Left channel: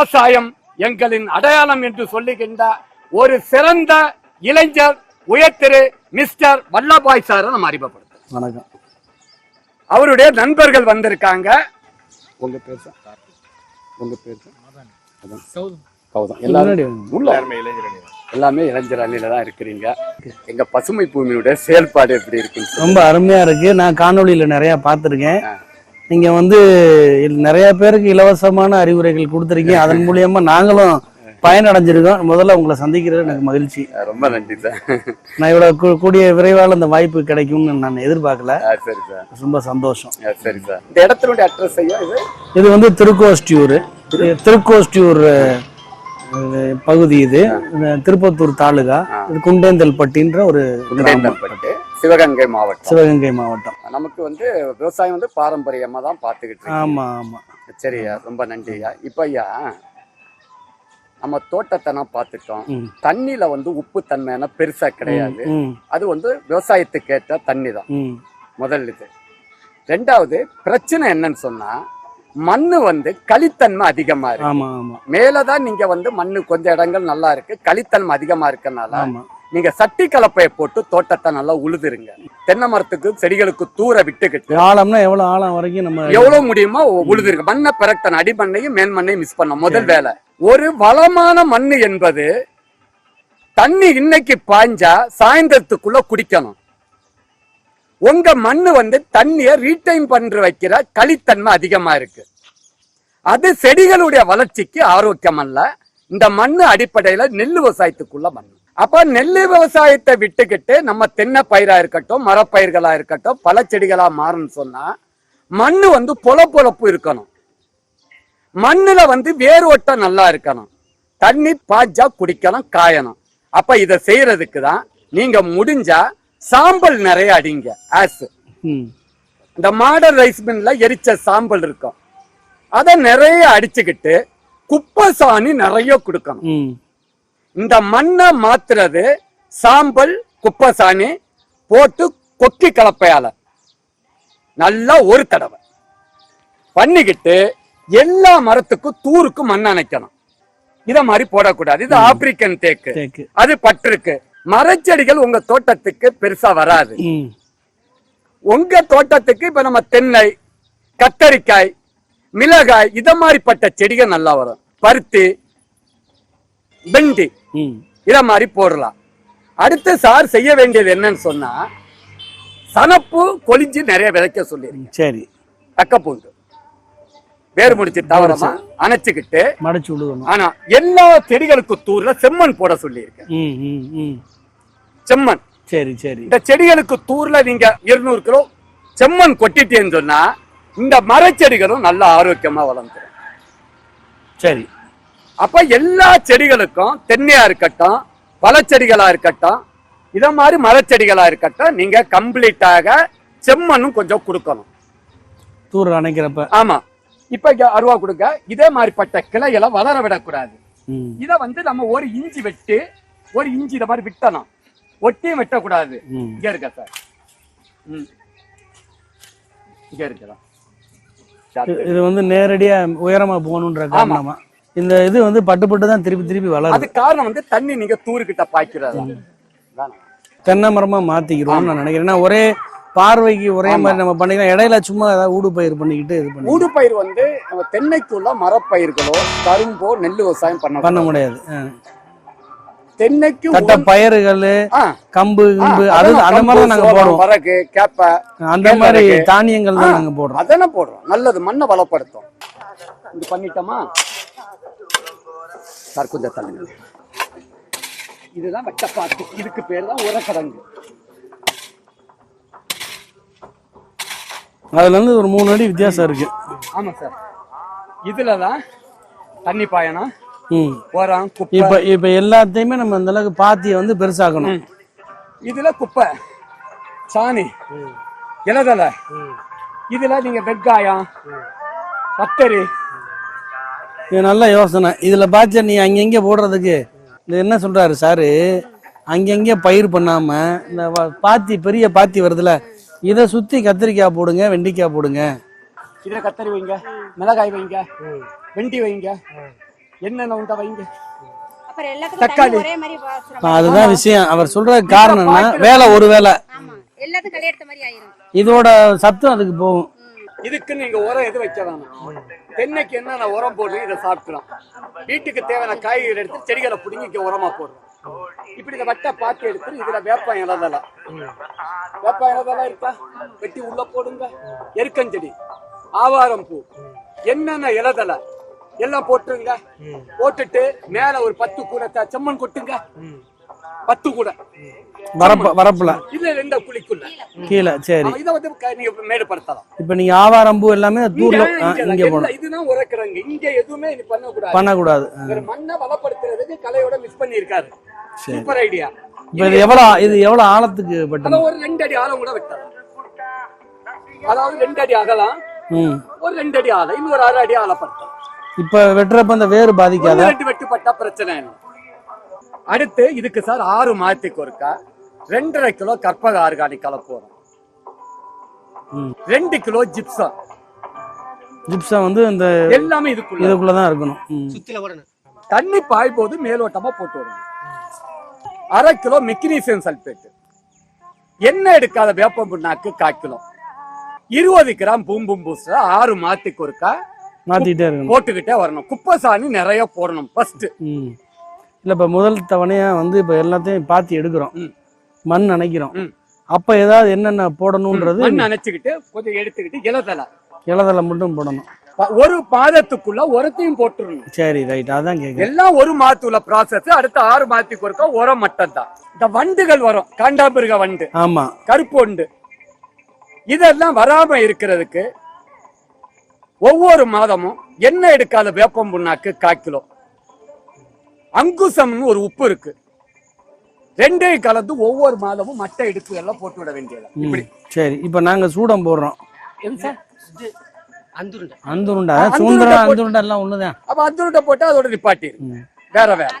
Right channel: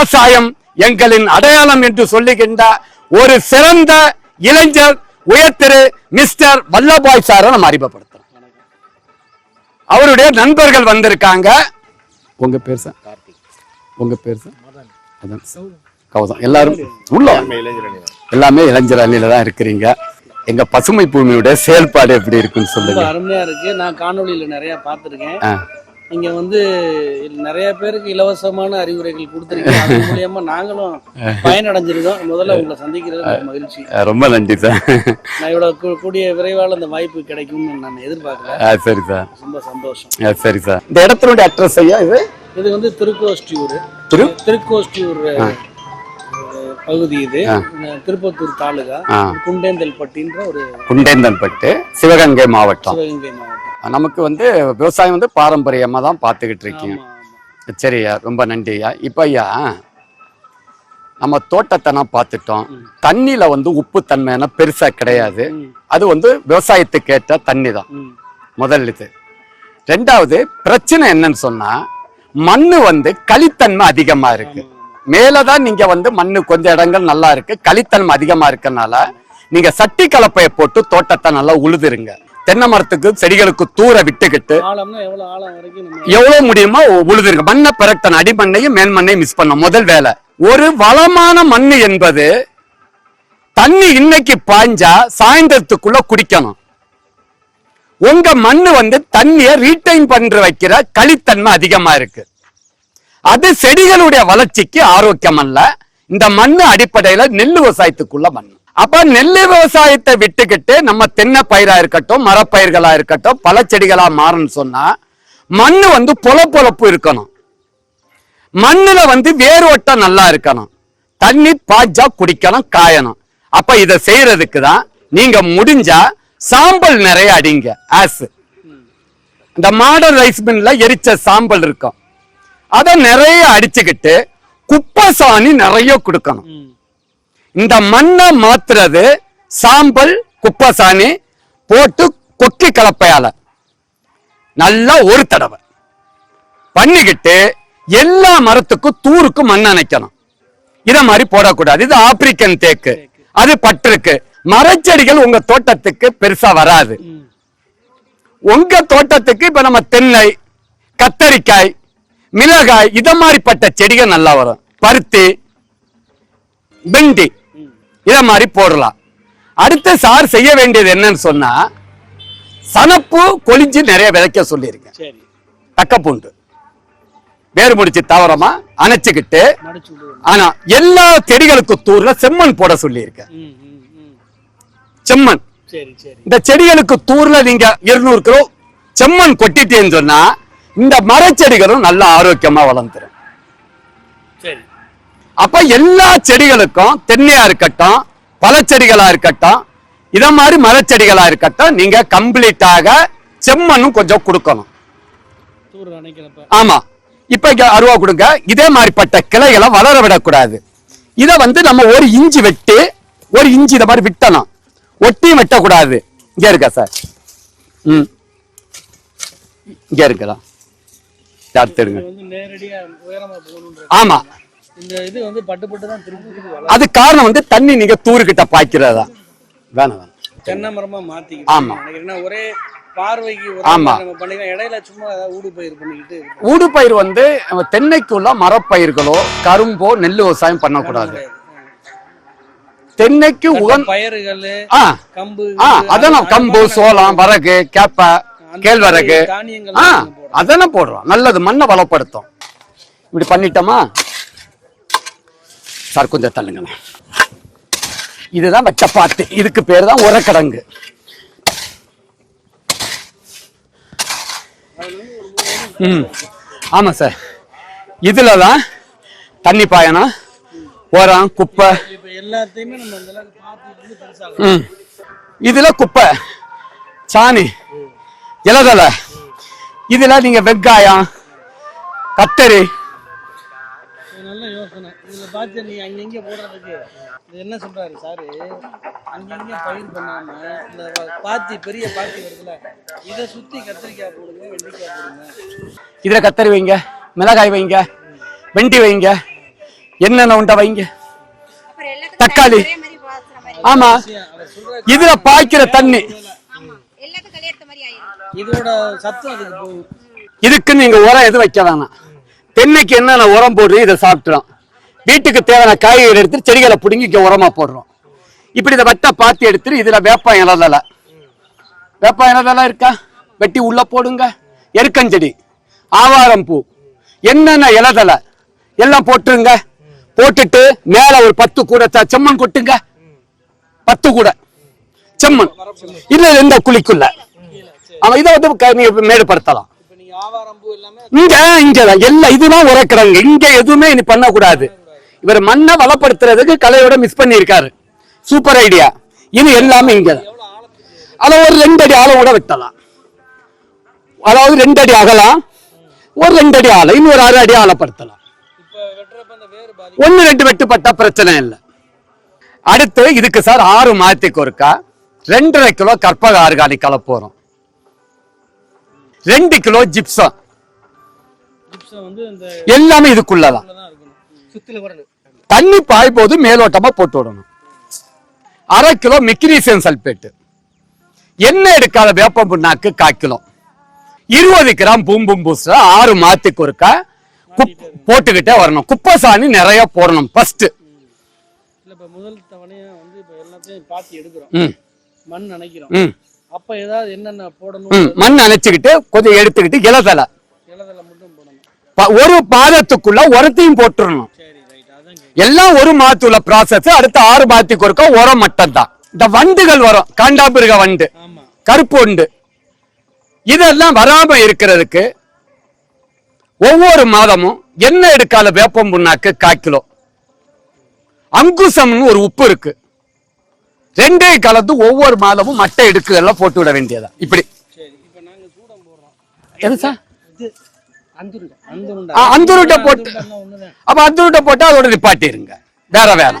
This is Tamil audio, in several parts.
விவசாயம் எங்களின் அடையாளம் என்று சொல்லுகின்ற ஒரு சிறந்த இளைஞர் உயர்திரு மிஸ்டர் வல்லபாய் சாரை நம்ம அறிமுகப்படுத்துறோம் வணக்கம். அவருடைய நண்பர்கள் வந்திருக்காங்க. உங்க பேர் சார்? உங்க பேர் சார்? அதான். கௌதம். எல்லாரும் உள்ள எல்லாமே இளைஞர் அணியில தான் இருக்கிறீங்க. எங்க பசுமை பூமியோட செயல்பாடு எப்படி இருக்குன்னு ரொம்ப அருமையா இருக்கு. நான் காணொளியில நிறைய பார்த்திருக்கேன். நீங்க வந்து நிறைய பேருக்கு இலவசமான அறிவுரைகள் கொடுத்துருக்கீங்க. அதன் மூலியமா நாங்களும் பயனடைஞ்சிருக்கோம். முதல்ல உங்களை சந்திக்கிறது மகிழ்ச்சி. ரொம்ப நன்றி சார். நான் இவ்வளவு கூடிய விரைவால இந்த வாய்ப்பு கிடைக்கும்னு நான் எதிர்பார்க்கல. சரி சார். ரொம்ப சந்தோஷம். சரி சார். இந்த இடத்தினுடைய அட்ரஸ் ஐயா இது? இது வந்து திருக்கோஷ்டியூர். திருக்கோஷ்டியூர் பகுதி இது. திருப்பத்தூர் தாலுகா குண்டேந்தல்பட்டின்ற ஒரு குண்டேந்தல்பட்டு சிவகங்கை மாவட்டம். சிவகங்கை மாவட்டம். நமக்கு வந்து விவசாயம் வந்து பாரம்பரியமா தான் பார்த்துக்கிட்டு இருக்கீங்க. ஆமா ஆமா. சரி ஐயா ரொம்ப நன்றி ஐயா. இப்ப ஐயா நம்ம தோட்டத்தை நான் பார்த்துட்டோம். தண்ணியில வந்து உப்பு தன்மையான பெருசா கிடையாது. அது வந்து விவசாயத்துக்கு ஏற்ற தண்ணி தான். முதல் இது. ரெண்டாவது பிரச்சனை என்னன்னு சொன்னா மண்ணு வந்து களித்தன்மை அதிகமா இருக்கு. மேலதான் நீங்க வந்து மண்ணு கொஞ்சம் இடங்கள் நல்லா இருக்கு களித்தன்மை அதிகமா இருக்கனால நீங்க சட்டி கலப்பையை போட்டு தோட்டத்தை நல்லா உழுதுருங்க. தென்னை மரத்துக்கு செடிகளுக்கு தூர விட்டுக்கிட்டு ஆழம்னா எவ்வளவு ஆழம் வரைக்கும் நம்ம எவ்வளவு முடியுமோ உழுதுருங்க. மண்ணை பிறக்கணும் அடிமண்ணையும் மேல் மண்ணையும் மிஸ் பண்ண முதல் வேலை. ஒரு வளமான மண்ணு என்பது தண்ணி இன்னைக்கு பாய்ஞ்சா சாயந்தரத்துக்குள்ள குடிக்கணும். உங்க மண்ணு வந்து தண்ணிய ரீட்டைன் பண்ற வைக்கிற களித்தன்மை அதிகமா இருக்கு. அது செடிகளுடைய வளர்ச்சிக்கு ஆரோக்கியம் அல்ல. இந்த மண்ணு அடிப்படையில நெல் விவசாயத்துக்குள்ள மண் அப்ப நெல் விவசாயத்தை விட்டுக்கிட்டு நம்ம தென்னை பயிரா இருக்கட்டும் மரப்பயிர்களா இருக்கட்டும் பல செடிகளா மாறணும்னு சொன்னா மண்ணு வந்து பொல பொழப்பு இருக்கணும். மண்ணுல வந்து வேரோட்டம் நல்லா இருக்கணும். தண்ணி பாய்ச்சா குடிக்கணும் காயணும். அப்ப இதை செய்யறதுக்கு தான் நீங்க முடிஞ்சா சாம்பல் நிறைய அடிங்க ஆஸ் இந்த மாடல் ரைஸ் மில்ல எரிச்ச சாம்பல் இருக்கும். அத நிறைய அடிச்சுக்கிட்டு குப்பை சாணி நிறைய கொடுக்கணும். இந்த மண்ணை மாத்துறது சாம்பல் குப்பை சாணி போட்டு கொக்கி கலப்பையால. நல்லா ஒரு தடவை. பண்ணிக்கிட்டு எல்லா மரத்துக்கும் தூருக்கு மண் அணைக்கணும். இத மாதிரி போடக்கூடாது. இது ஆப்பிரிக்கன் தேக்கு. அது பட்டிருக்கு. மரச்செடிகள் உங்க தோட்டத்துக்கு பெருசா வராது. உங்க தோட்டத்துக்கு இப்ப நம்ம தென்னை கத்தரிக்காய் மிளகாய் இத மாதிரிப்பட்ட செடிகள் நல்லா வரும். பருத்தி வெண்டி. ம். இத மாதிரி போடலாம். அடுத்து சார் செய்ய வேண்டியது என்னன்னு சொன்னா சனப்பு கொளிஞ்சு நிறைய விதைக்க சொல்லிருங்க. சரி. தக்கப்பூண்டு வேறு முடிச்சு தவறமா அணைச்சுக்கிட்டு ஆனா எல்லா செடிகளுக்கு தூர்ல செம்மண் போட ம், ம். செம்மண். சரி சரி. இந்த செடிகளுக்கு தூர்ல நீங்க இருநூறு கிலோ செம்மண் கொட்டிட்டேன்னு சொன்னா இந்த மரச்செடிகளும் நல்ல ஆரோக்கியமா வளர்ந்துரும். சரி. அப்ப எல்லா செடிகளுக்கும் தென்னையா இருக்கட்டும் பழச்செடிகளா இருக்கட்டும் இத மாதிரி மரச்செடிகளா இருக்கட்டும் நீங்க கம்ப்ளீட்டாக செம்மண்ணும் கொஞ்சம் கொடுக்கணும். தூர் அணைக்கிறப்ப. ஆமா. இப்ப அருவா கொடுங்க. இதே மாதிரிப்பட்ட கிளைகளை வளர விடக்கூடாது. இத வந்து நம்ம ஒரு இஞ்சி வெட்டி ஒரு இஞ்சி இத மாதிரி விட்டணும். ஒட்டியும் வெட்டக்கூடாது. இங்க இருக்கா சார்? ம். இங்க இது தெரியும்? வந்து நேரடியா உயரமா போகணுன்ற ஆமா. இந்த இது வந்து பட்டு பட்டு தான் திருப்பி திருப்பி வளரும். அது காரணம் வந்து தண்ணி நீங்க தூருக்கிட்ட பாய்க்கிறதா. வேணாம். தென்னை மரமா மாத்திக்கிறோம் நான் நினைக்கிறேன். ஏன்னா ஒரே பார்வைக்கு. மாதிரி நம்ம பண்ணிக்கலாம் இடையில சும்மா ஏதாவது ஊடு பயிர் பண்ணிக்கிட்டு இது பண்ண- ஊடுபயிர் வந்து நம்ம தென்னைக்குள்ள மரப்பயிர்களோ கரும்போ நெல் விவசாயம் பண்ண பண்ணக்கூடாது முடியாது. தென்னைக்கு பயிர்கள் கம்பு கிம்பு, சோளம். வரகு கேப்ப கேழ்வரகு. தானியங்கள் போடுறோம். அதெல்லாம் போடுறோம். நல்லது மண்ணை வளப்படுத்தும். இப்படி பண்ணிட்டோமா? சார் கொஞ்சம் தள்ளுங்க இதுதான் வெச்சப்பாத்து இதுக்கு பேர் தான் உரக்கடங்கு. அதுல இருந்து ஒரு மூணு அடி வித்தியாசம் இருக்கு. ஆமா சார். இதுல தான் தண்ணி பாயணும். உரம் குப்பை? இப்ப எல்லாத்தையுமே நம்ம அந்த அளவுக்கு பாத்தியை வந்து பெருசாக்கணும். ம். இதுல குப்பை சாணி இலதலை இதுல நீங்க வெங்காயம் கத்தரி. இது நல்ல யோசனை. இதுல பாய்ச்ச நீ அங்கங்க போடுறதுக்கு? இது என்ன சொல்றாரு சாரு? அங்கங்க பயிர் பண்ணாம இந்த பாத்தி பெரிய பாத்தி வருதுல இதை சுத்தி கத்திரிக்காய் போடுங்க வெண்டைக்காய் போடுங்க. இதுல கத்தரி வைங்க மிளகாய் வைங்க வெண்டி வைங்க என்னென்ன உண்டா வைங்க. தக்காளி. அதுதான். விஷயம். அவர் சொல்ற காரணம். ஒரு வேலை இதோட சத்தம் அதுக்கு போகும். இதுக்கு நீங்க உரம் எதுவும் வைக்க வேணாம். தென்னைக்கு என்னென்ன உரம் போடுறோம் இதை சாப்பிட்டுறோம் வீட்டுக்கு தேவையான காய்கறி எடுத்து செடிகளை பிடுங்கி இங்க உரமா போடுறோம். இப்படி இதை வெட்ட பாத்தி எடுத்துட்டு இதுல வேப்ப இலதல வேப்ப இலதல இருக்கா? வெட்டி உள்ள போடுங்க. எருக்கஞ்செடி ஆவாரம் பூ என்னென்ன இலதல எல்லாம் போட்டுருங்க. போட்டுட்டு மேல ஒரு பத்து கூட ச- செம்மண் கொட்டுங்க. பத்து கூட. செம்மண். வரப்பு- வரப்புல. இல்ல இந்த குழிக்குள்ள. கீழே இதை வந்து நீங்க மேடுபடுத்தலாம். இப்ப நீங்க ஆவாரம்பூ எல்லாமே இங்க தூள் இங்க எல்லாம் இதுதான் உரைக்கிறாங்க இங்க எதுவுமே இனி பண்ணக்கூடாது. பண்ணக்கூடாது. இவர் மண்ணை வளப்படுத்துறதுக்கு கலையோட மிஸ் பண்ணியிருக்காரு. சூப்பர் ஐடியா இது எல்லாமே எவ்வளவு ஆழத்துக்கு அத ஒரு ரெண்டு அடி ஆழம் கூட வெட்டலாம். அதாவது ரெண்டு அடி அகலாம். ஒரு ரெண்டு அடி ஆழம் இன்னொரு ஆறு அடி ஆழப்படுத்தலாம். இப்ப வெட்டுறப்ப அந்த வேறு பாதிக்கும் ஒண்ணு ரெண்டு வெட்டுப்பட்டா பிரச்சனை இல்லை. அடுத்து இதுக்கு சார் ஆறு மாதத்துக்கு ஒருக்கா ரெண்டரை கிலோ கற்பக ஆர்கானிக் கலப்பு வரும் ம். ரெண்டு கிலோ ஜிப்சம். ஜிப்சம் வந்து இந்த எல்லாமே இதுக்குள்ள தான் இருக்கணும். தண்ணி பாய் போது மேலோட்டமா போட்டு விடணும். அரை கிலோ மெக்னீசியம் சல்பேட் எண்ணெய் எடுக்காத வேப்பம் புண்ணாக்கு கால் கிலோ. இருபது கிராம் பூம்பும் பூஸ்டர் ஆறு மாத்துக்கு ஒருக்கா போட்டுக்கிட்டே வரணும். குப்பை சாணி நிறைய போடணும் ஃபர்ஸ்ட். இல்ல இப்ப முதல் தவணையா வந்து இப்ப எல்லாத்தையும் பாத்தி எடுக்கிறோம். மண் அணைக்கிறோம். அப்ப ஏதாவது என்னென்ன ம். போடணும்ன்றது மண் அணைச்சுக்கிட்டு கொஞ்சம் எடுத்துக்கிட்டு இலதலை. இலதலை மட்டும் போடணும். ஒரு பாதத்துக்குள்ள உரத்தையும் போட்டுறணும். சரி ரைட் அதான் கேட்க எல்லாம் ஒரு மாத்துள்ள ப்ராசஸ் அடுத்த ஆறு மாத்துக்கு ஒருக்கா உரம் மட்டும் தான் இந்த வண்டுகள் வரும். காண்டாமிருக வண்டு. ஆமா. கருப்பு உண்டு. இதெல்லாம் வராம இருக்கிறதுக்கு ஒவ்வொரு மாதமும் எண்ணெய் எடுக்காத வேப்பம் புண்ணாக்கு கால் கிலோ. அங்குசம்னு ஒரு உப்பு இருக்கு. ரெண்டே கலந்து ஒவ்வொரு மாதமும் மட்டை எடுக்கு எல்லாம் போட்டு விட வேண்டியதா இப்படி. சரி. இப்ப நாங்க சூடம் போடுறோம். எது சார்? அந்துருண்டை. அந்துருண்டை அந்துருண்டை போட்டு- அந்துருண்டை அப்ப அந்த விட்ட போட்டு அதோட நிப்பாட்டிருங்க. வேற வேற.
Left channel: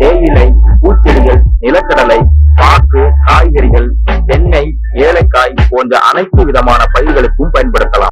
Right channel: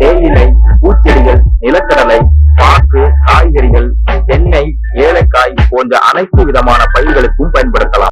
தேயிலை பூச்செடிகள் நிலக்கடலை பாக்கு காய்கறிகள் எண்ணெய் ஏலக்காய் போன்ற அனைத்து விதமான பயிர்களுக்கும் பயன்படுத்தலாம்.